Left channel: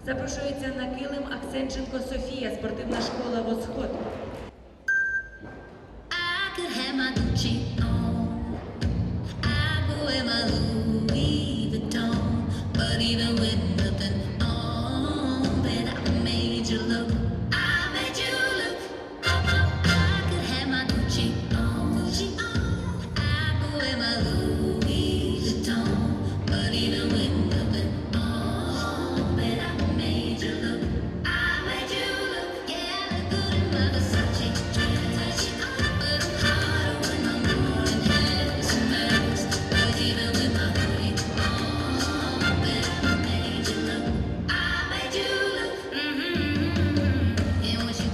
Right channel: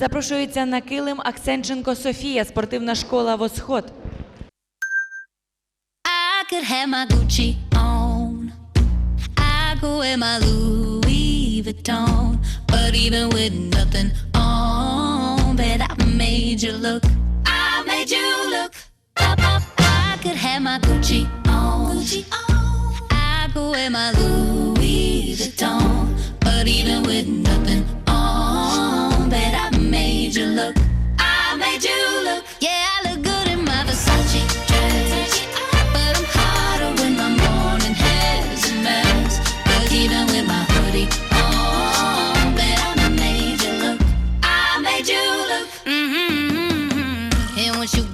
Запрошується на килим Аксенченко Софія, спортивна школа Восход. I could have my Gucci on. Gucci on.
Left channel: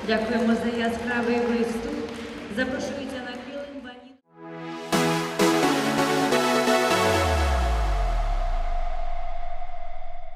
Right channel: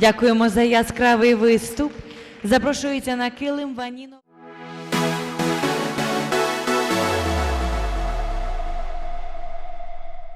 Дякуємо за яскравий виступ. Запрошується на килим Ваніно.